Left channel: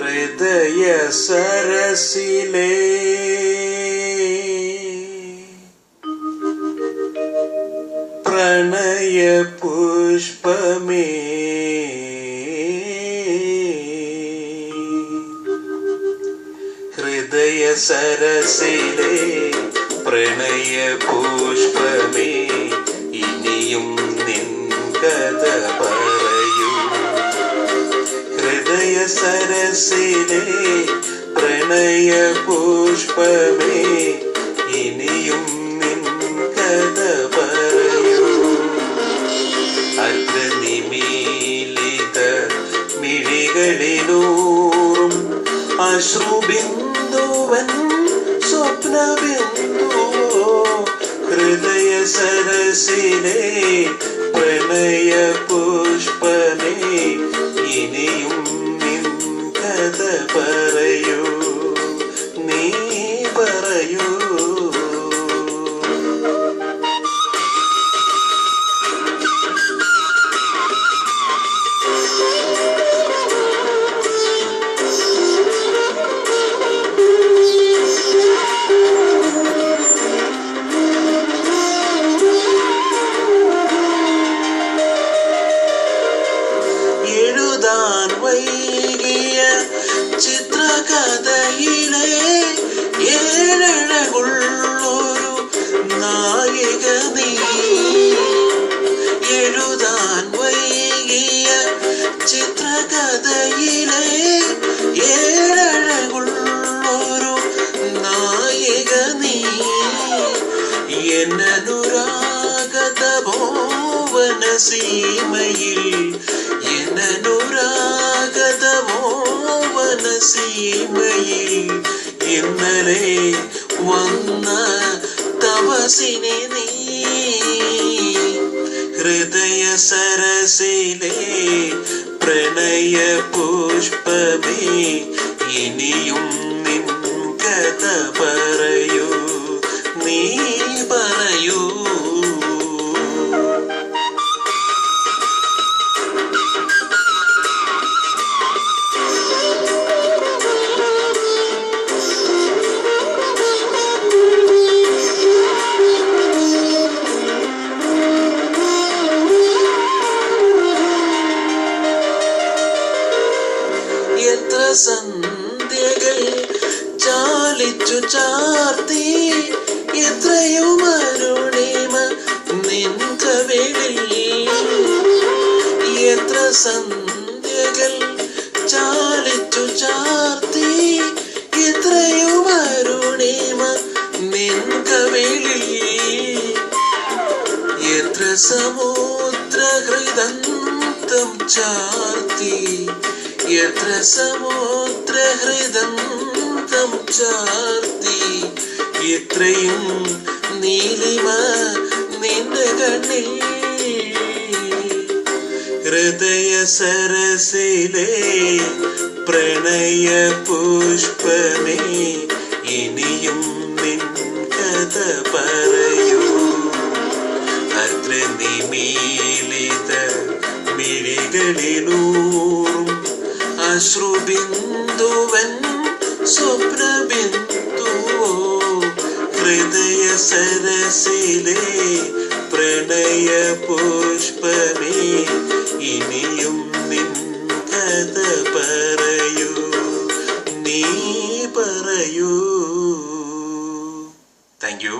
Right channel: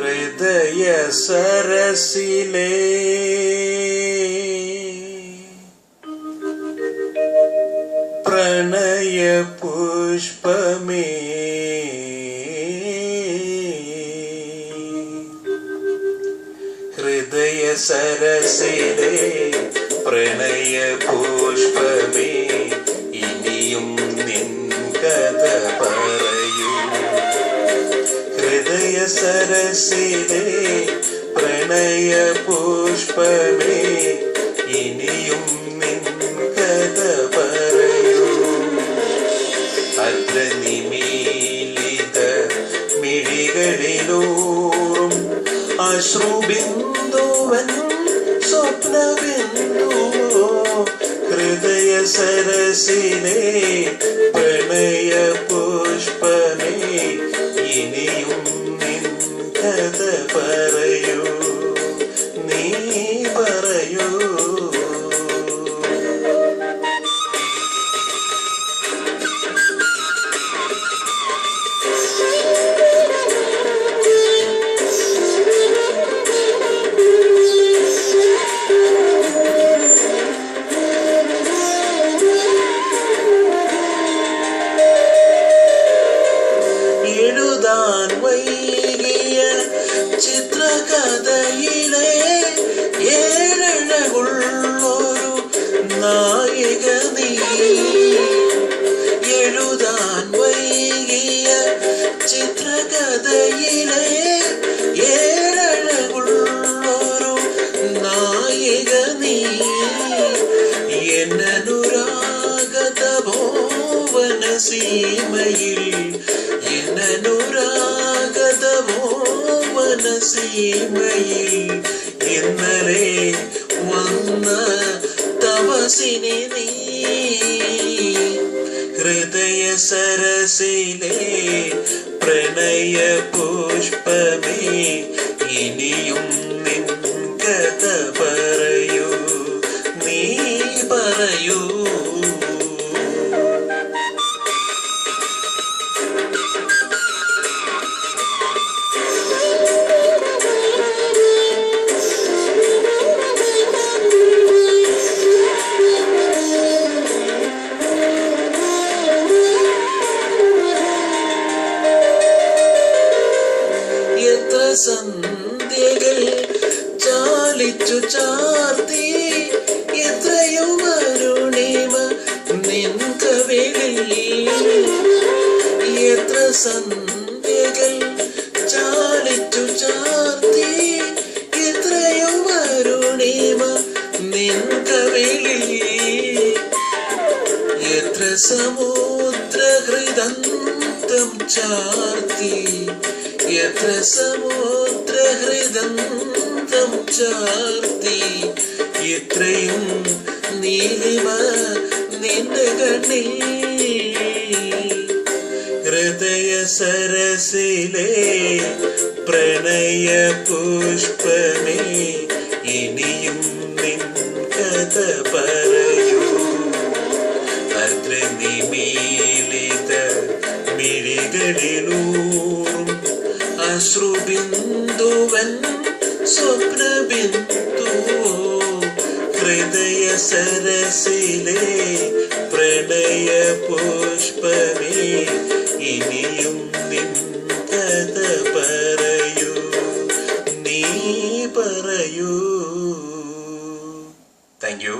ഹൃദയ സരസിലേ. പ്രണയ പുഷ്പമേ. ഹൃദയ സരസിലേ പ്രണയ പുഷ്പമേ. സരസിലെ പ്രണയ പുഷ്പമേ ഇനിയും നിൻ കഥ പറയൂ. അഗ്രനിമീലിത മിഴികളിലൂറും അശ്രുബിന്ദുവൻ സ്വപ്നബിന്ദുവോ ഹൃദയ സരസിലെ പ്രണയ പുഷ്പമേ ഇനിയും കഥ പറയൂ ചിത്രകഥയിലെ ഏഴഴകുള്ളൊരു നായിക നീ എഴുതാൻ വൈകിയ ചിത്രകഥയിലെ ഏഴഴകുള്ളൊരു നായിക നീ എന്നനുരാഗത മോവന സീമയിൽ എന്നനുരാഗത മോവന സീമയിൽ ഇന്നലെ വന്ന തപസിനെ നീ ഹൃദയ സരസിലെ പ്രണയ പുഷ്പമേ സന്ധ്യകൾ ചാലിച്ചു ചാർത്തി എത്രയും അരുണിമ നിൻ കവിളിൽ എത്ര സന്ധ്യകൾ ചാലിച്ചു ചാർത്തി എത്രയും അരുണിമ നിൻ കവിളിൽ എത്ര സമുദ്രഹൃദന്തം ചാർത്തി എത്ര തം ചാർത്തി. എത്രയും നീലിമ നിന്റെ കണ്ണിൽ. ഹൃദയ സരസിലെ പ്രണയ പുഷ്പമേ ഇനിയും നിൻ കഥ പറയൂ. അഗ്രനിമീലിത മിഴികളിലൂറും അശ്രുബിന്ദുവൻ സ്വപ്നബിന്ദുവോ ഹൃദയ സരസിലെ പ്രണയ പുഷ്പമേ ഇനിയും നിൻ കഥ പറയൂ നീ പറയൂ. Thank you